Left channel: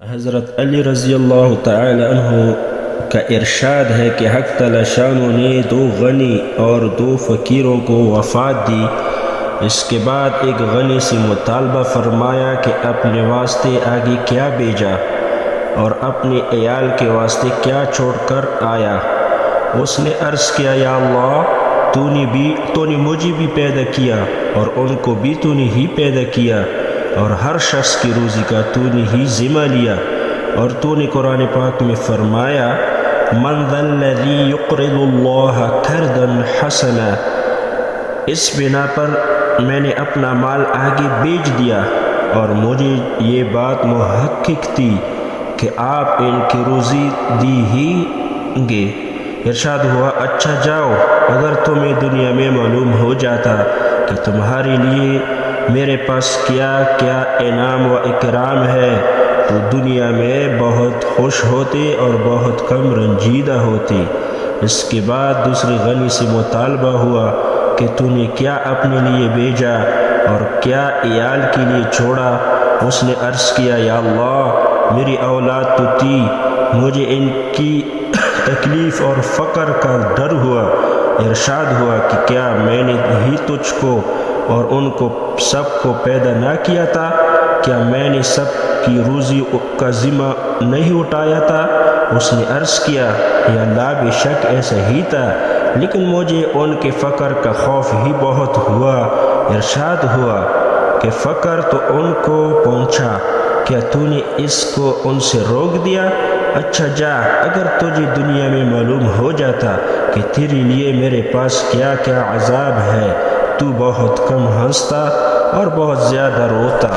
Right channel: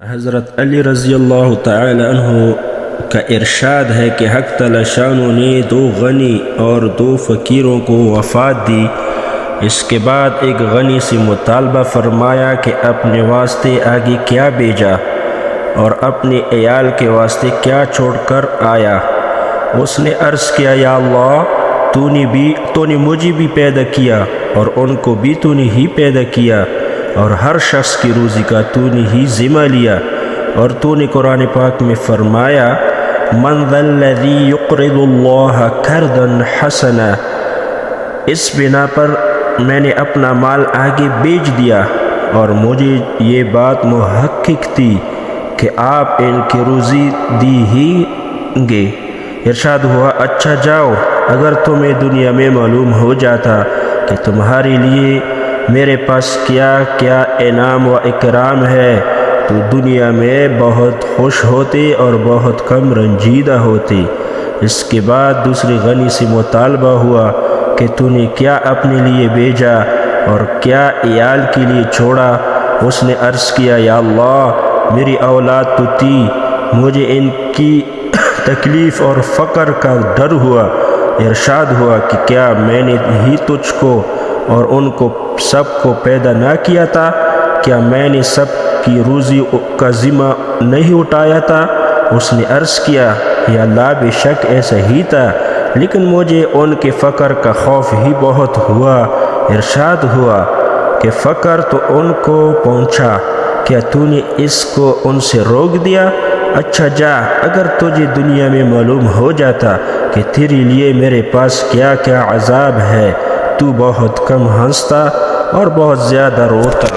حضرت علی رضی اللہ تعالی عنہ کا ارشاد ہے کہ حق تعالی شانہ نے 2 غنی اور 2 فقیروں کو وفات دی۔ اس کے بعد ایک غنی سے مطالبہ فرمایا کہ اپنے واسطے آگے کیا بھیجا اور اپنے عیال کے واسطے کیا چھوڑ کر آیا۔ اس نے عرض کیا، یا اللہ، تو نے مجھے بھی پیدا کیا اور ان کو بھی تو نے ہی پیدا کیا، اور ہر شخص کی روزی کا تو نے ہی ذمہ لیا، اور تو نے قرآن پاک میں فرمایا، من ذا الذی یقرض اللہ قرضا حسنا۔ اس بنا پر میں نے اپنا مال آگے بیچ دیا، اور مجھے یہ بات محقق تھی کہ آپ ان کی روزی دی ہی گے۔ ارشاد ہوا، اچھا جاؤ، اگر تمہیں دنیا میں معلوم ہو جاتا کہ تمہارے لیے میرے پاس کیا کیا انعام و اکرام ہے تو دنیا میں بہت خوش ہوتے اور بہت کم رنجیدہ ہوتے۔ اس کے بعد دوسرے غنی سے مطالبہ ہوا کہ تو نے کیا اپنے لیے بھیجا اور کیا عیال کے لیے چھوڑا۔ اس نے عرض کیا، یا اللہ، میری اولاد تو تھی، مجھے ان کی تکلیف اور فقر کا ڈر ہوا۔ ارشاد ہوا کہ کیا میں نے ہی تجھ کو اور ان کو سب کو پیدا نہ کیا تھا؟ کیا میں نے سب کی روزی کا ذمہ نہیں اٹھایا تھا؟ اس نے عرض کیا، یا اللہ، بے شک ایسا ہی تھا، لیکن مجھے ان کے فقر کا خوف ہی بہت ہوا۔ ارشاد ہوا کہ فقر تو ان کو پہنچا، کیا تو نے اس کو ان سے روک دیا؟ اچھا جا، اگر تجھے دنیا میں معلوم ہو جاتا کہ تیرے لیے میرے پاس کیا کیا عذاب ہے، تو بہت کم ہنستا اور بہت زیادہ روتا۔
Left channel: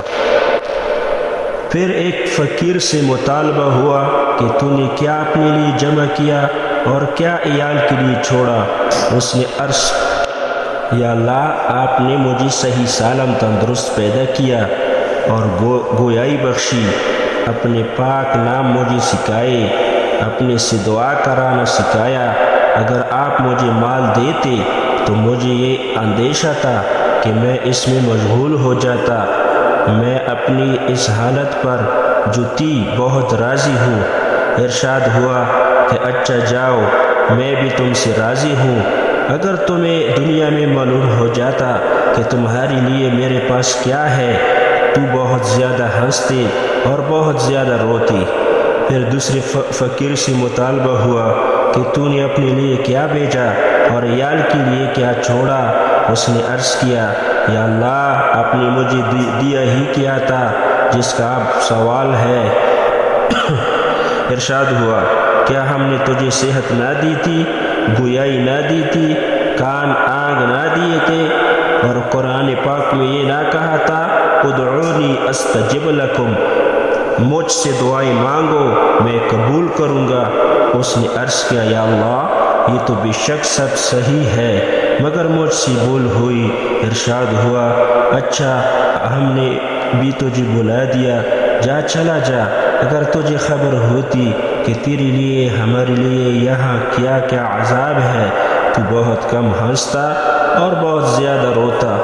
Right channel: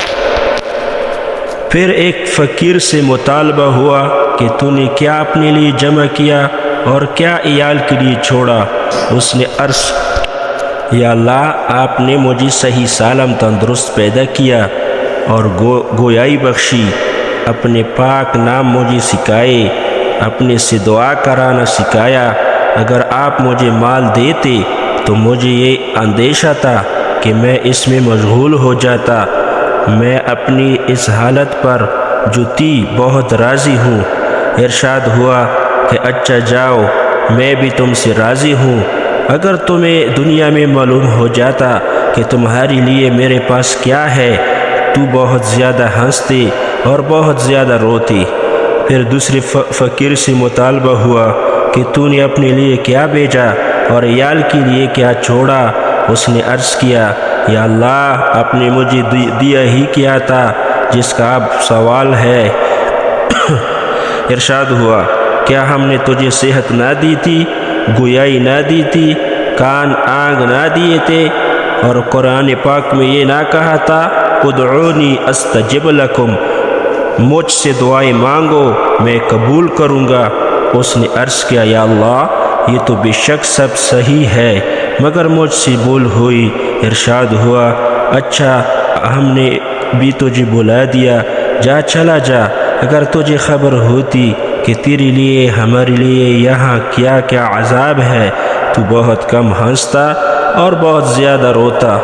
پھر ایک فقیر سے مطالبہ ہوا کہ تو نے کیا اپنے لیے جمع کیا اور کیا عیال کے لیے چھوڑا؟ اس نے عرض، یا اللہ، آپ نے مجھے صحیح سالم تندرست پیدا کیا اور گویائی بخشی، اپنے پاک نام مجھے سکھائے، اپنے سے دعا کرانا سکھایا۔ اگر آپ مجھے مال دیتے تو مجھے یہ اندیشہ تھا کہ میں اس میں مشغول ہو جاتا۔ میں اپنی اس حالت پر جو تھی بہت راضی ہوں۔ ارشاد ہوا کہ اچھا جاؤ، میں بھی تم سے راضی ہوں۔ اگر تمہیں دنیا میں معلوم ہو جاتا کہ تمہارے لیے میرے پاس کیا ہے، تو بہت زیادہ ہنستے اور بہت زیادہ روتے۔ پھر دوسرے فقیر سے مطالبہ ہوا کہ تو نے اپنے لیے کیا بھیجا اور عیال کے لیے کیا چھوڑا؟ اس نے عرض کیا، یا اللہ، آپ نے مجھے دیا ہی کیا تھا جس کا اب سوال ہے۔ ارشاد ہوا، کیا ہم نے تجھے صحت نہ دی تھی، گویائی نہ دی تھی، کان آنکھ نہ دیے تھے، اور قرآن پاک میں یہ نہ کہا تھا، ادعونی استجب لکم، مجھ سے دعائیں مانگو میں قبول کروں گا۔ اس نے عرض کیا، یا اللہ، یہ تو بے شک سب صحیح ہے، مگر مجھ سے بھول ہوئی۔ ارشاد ہوا، اچھا، ہم نے بھی تجھے بلا دیا، جا چلا جا۔ اگر تجھے خبر ہوتی کہ تیرے لیے ہمارے لیے یہاں کیا کیا عذاب ہے، تو بہت کم ہنستا اور بہت زیادہ روتا۔